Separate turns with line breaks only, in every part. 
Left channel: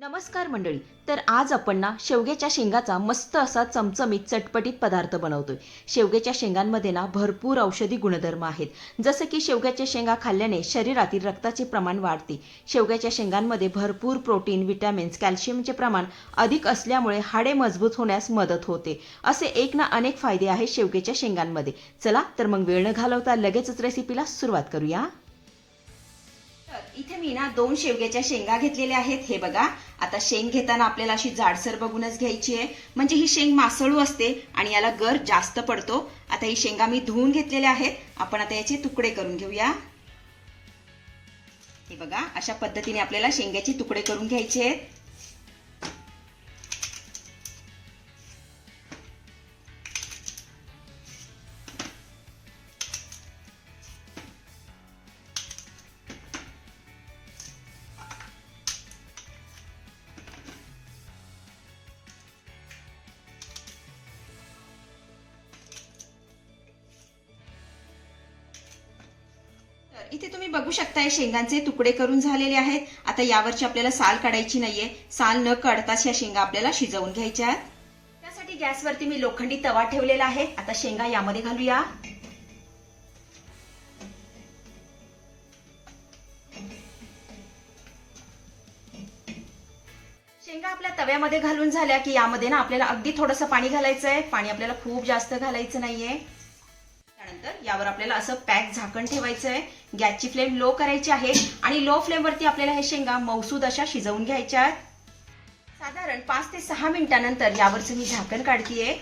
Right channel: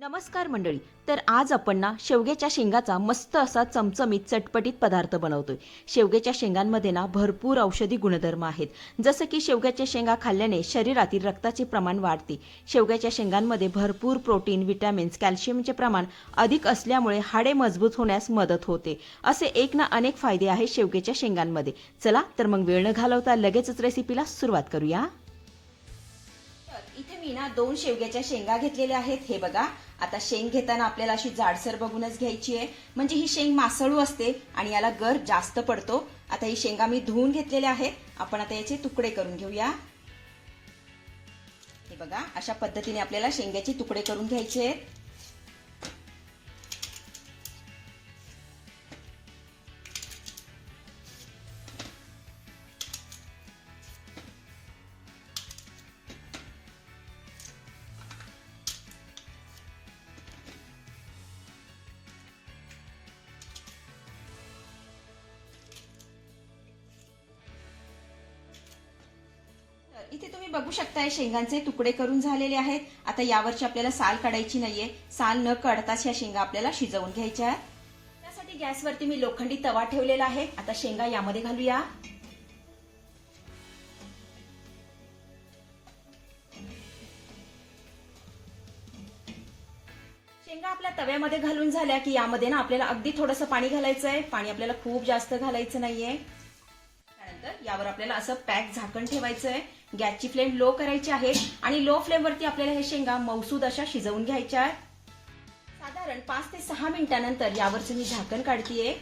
नमस्कार मंडळी तर आज आपण ना शेवग्याच्या शेंगाचा मस्त असा चमचमीत चटपटीत पदार्थ बनवतोय. शेवग्याच्या शेंगांमध्ये ना भरपूर औषधी गुणधर्म आहेत. जसं की शेवग्याच्या शेंगा खाल्ल्याने शरीरातील रक्ताचे प्रमाण वाढते. शेवग्याच्या शेंगांमध्ये भरपूर प्रोटीन विटॅमिन्स कॅल्शियमचे प्रमाण अधिक असल्यामुळे हाडे मजबूत होण्यास मदत होते. असे एक ना अनेक फायदे आहेत शेवग्याच्या शेंगांमध्ये. चला तर मग वेळ न घालवता लगेचच रेसिपीला सुरुवात करूया. इथे मी ना दोन शेवग्याच्या शेंगा घेतलेल्या आहेत. हे बघा आता शेंग घेताना आपल्याला अशी जाडसर बघूनच घ्यायची आहे. म्हणजे ही शेंग मासळू असते आणि याला गर जास्त पडतो. आता ही शेंगा मी धुवून घेतलेल्या आहेत. आपण आता याचे तुकडे करून घेऊया. हे बघा अशा पद्धतीने आपल्याला शेंग्याचे तुकडे करून घ्यायचे आहेत. इथे तुम्ही बघू शकताय शेंगांचे तुकडे करून झालेले आहेत. आता यावरची आपल्याला साल काढायची नाहीये. साल न काढताच या शेंगा आपल्याला शिजवून घ्यायच्या आहेत. त्यासाठी गॅसवरती मी लोखंडी तवा ठेवलेला आहे. आता शेंगा यामध्ये घालूया. शेंगा आपल्या तव्यामध्ये घालून झाल्या की यामध्ये ना आपल्याला अगदी थोडंसं पाणी घालायचं आहे पाणी आपल्याला खूप जास्त घालायचं नाहीये. त्यावर आपल्याला असं पॅक झाकण ठेवायचं आहे. गॅसची फ्लेम लो करायची आहे आणि लो फ्लेमवरती आपल्याला हे शेंगा मौसूद अशा शिजवून घ्यायच्या आहेत. साधारण पाच ते सहा मिनिटानंतर यावरचं मी झाकण काढतीये.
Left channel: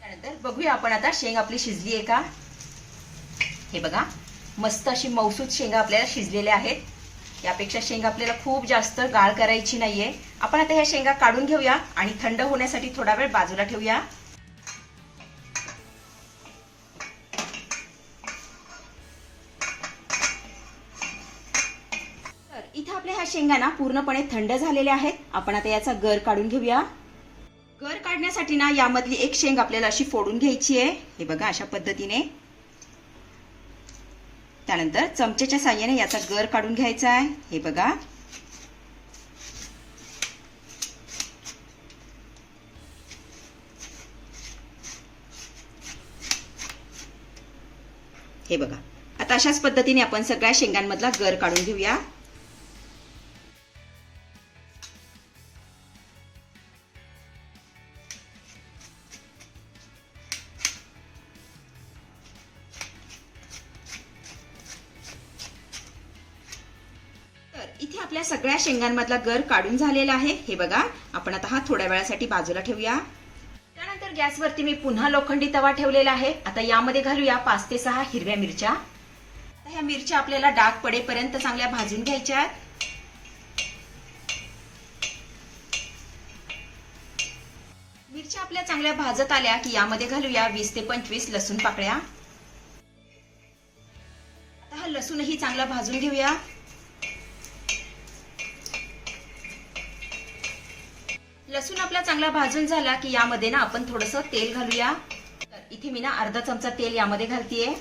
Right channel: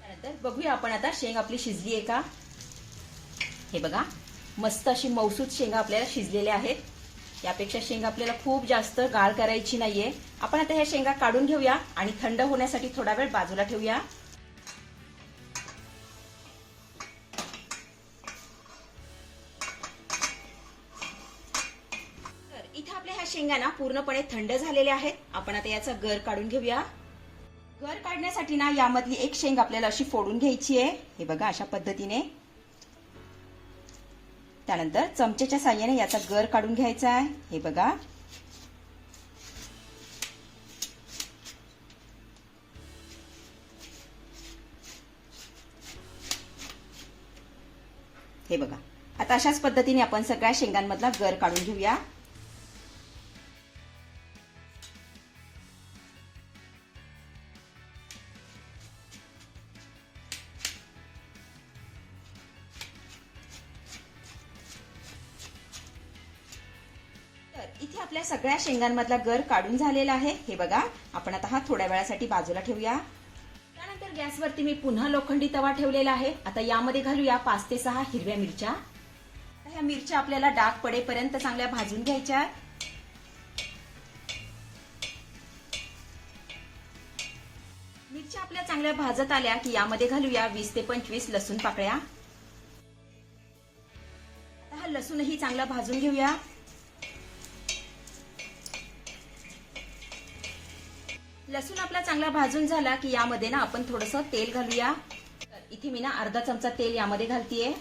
त्यानंतर बघूया आपण आता शेंग आपली शिजली आहे का? हे बघा मस्त अशी मौसूद शेंगा आपल्याला शिजलेल्या आहेत. यापेक्षा शेंगा आपल्याला खूप जास्त गाळ करायची नाहीये. आपण आता ह्या शेंगा काढून घेऊया आणि थंड होण्यासाठी थोडा वेळ बाजूला ठेवूया. तर इथे आपल्या ह्या शेंगा ना पूर्णपणे थंड झालेल्या आहेत. आपण आता याचा गर काढून घेऊया. गर काढण्यासाठी ना यामधली एक शेंग आपल्याला अशी फोडून घ्यायची आहे. हे बघा अशा पद्धतीने. त्यानंतर चमच्याच्या साह्याने याचा गर काढून घ्यायचा आहे. हे बघा. हे बघा. आता अशाच पद्धतीने आपण सगळ्या शेंगांमधला गर काढून घेऊया. तर इथे आपल्या सगळ्या शेंगांमधला गर काढून झालेला आहे. हे बघा आपण आता हा थोड्या वेळासाठी बाजूला ठेवूया. गॅसवरती मी पुन्हा लोखंडी तवा ठेवलेला आहे. आता यामध्ये घालूया पाच ते सहा हिरव्या मिरच्या. आता ह्या मिरच्या आपल्याला डाग पडेपर्यंत चांगल्या भाजून घ्यायच्या आहेत. मिरच्या आपल्या चांगल्या भाजत आल्या की यामध्ये घालूया वीस ते पंचवीस लसूण पाकळ्या. आता हा लसूणही चांगला भाजून घेऊया. लसूण आपला चांगला भाजून झाला की यामध्ये ना आपण थोडस तेल घालूया. तर इथे मी ना अर्धा चमचा तेल यामध्ये घालतीये.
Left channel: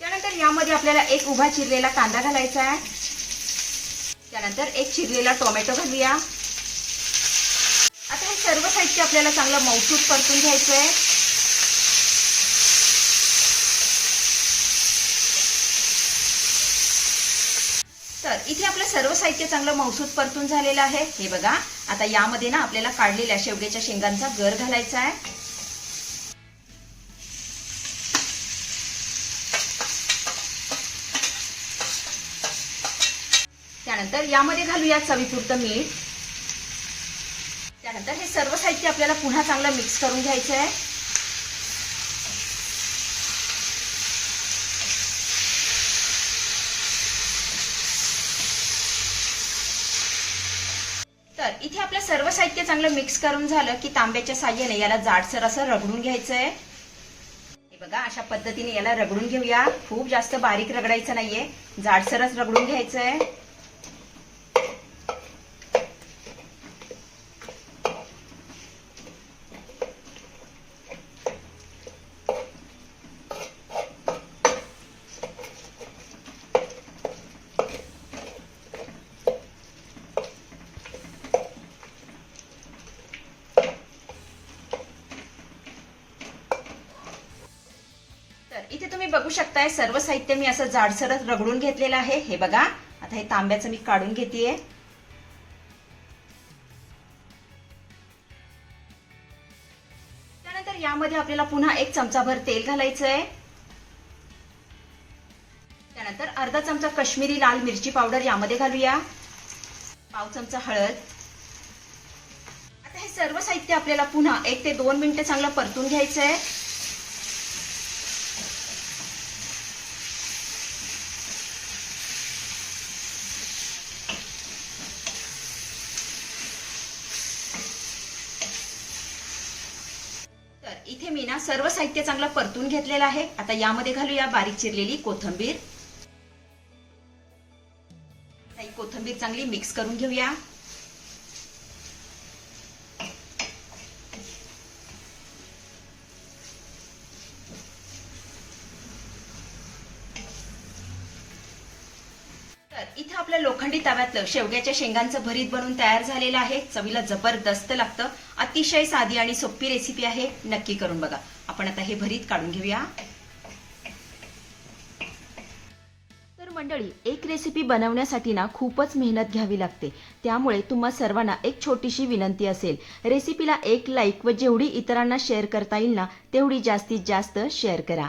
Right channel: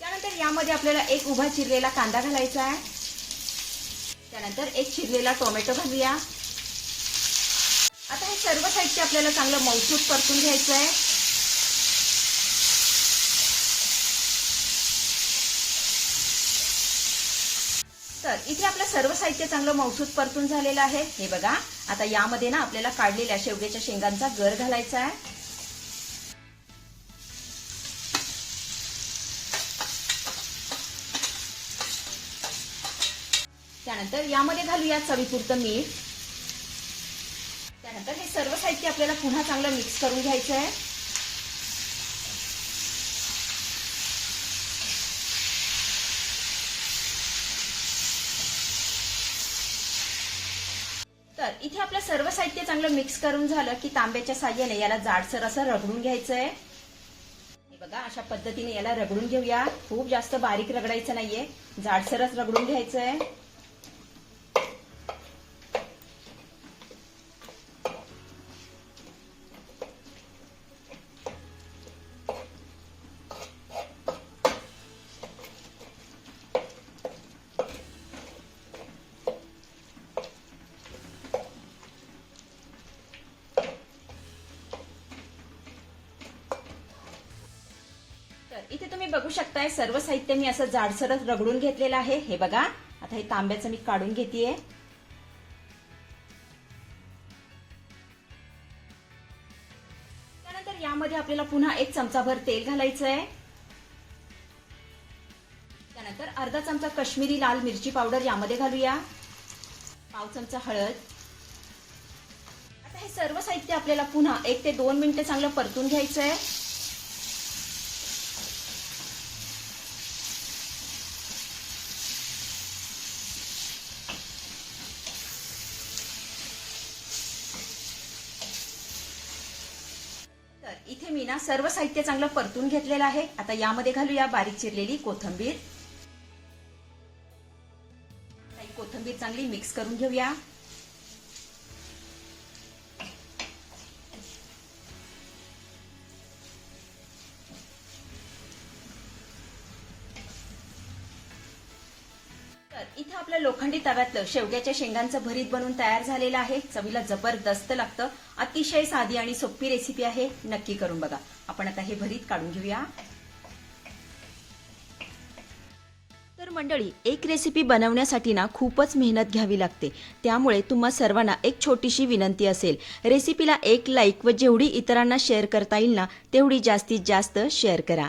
त्यानंतर यामध्ये आपल्याला एक उभा चिरलेला कांदा घालायचा आहे. त्यानंतर एक चिरलेला टोमॅटो घालूया. आता हे सर्व साहित्य आपल्याला चांगलं मौसूद परतून घ्यायचं आहे तर इथे आपलं सर्व साहित्य चांगलं मौसूद परतून झालेलं आहे. हे बघा. आता यामध्ये ना आपल्याला काढलेल्या शेवग्याच्या शेंगांचा गर घालायचा आहे. त्यानंतर यामध्ये घालूया चवीपुरतं मीठ. त्यानंतर हे सर्व साहित्य आपल्याला पुन्हा चांगलं मिक्स करून घ्यायचं आहे तर इथे आपलं सर्व साहित्य चांगलं मिक्स करून झालं की तांब्याच्या साह्याने याला जाडसर असं रगडून घ्यायचं आहे हे बघा अशा पद्धतीने याला रगडून घेऊया. खूप जास्त बारीक रगडायचं नाहीये. जाडसरच रगडून घ्यायचं आहे तुम्ही बघू शकताय सर्व साहित्य मी असं जाडसरच रगडून घेतलेलं आहे. हे बघा आता हे तांब्याचं मी काढून घेते त्यानंतर यामध्ये आपल्याला पुन्हा एक चमचाभर तेल घालायचं आहे त्यानंतर अर्धा चमचा कश्मीरी लाल मिरची पावडर यामध्ये घालूया. पाव चमचा हळद. आता हे सर्व साहित्य आपल्याला पुन्हा एक ते दोन मिनिटं चांगलं परतून घ्यायचं आहे तर इथे मी ना सर्व साहित्य चांगलं परतून घेतलेलं आहे. आता यामध्ये घालूया बारीक चिरलेली कोथंबीर. कोथंबीर चांगली मिक्स करून घेऊया. लोखंडी तव्यातलं शेवग्याच्या शेंगांचं भरीत बनून तयार झालेलं आहे. चवीला जबरदस्त लागतं. अतिशय साधी आणि सोपी रेसिपी आहे. नक्की करून बघा. आपण आता हे भरीत काढून घेऊया. तर मंडळी एक रेसिपी बनवण्यासाठी ना खूपच मेहनत घ्यावी लागते. त्यामुळे तुम्हा सर्वांना एक छोटीशी विनंती असेल. रेसिपीला एक लाईक व जेवढी इतरांना शेअर करता येईल ना तेवढी जास्तीत जास्त शेअर करा.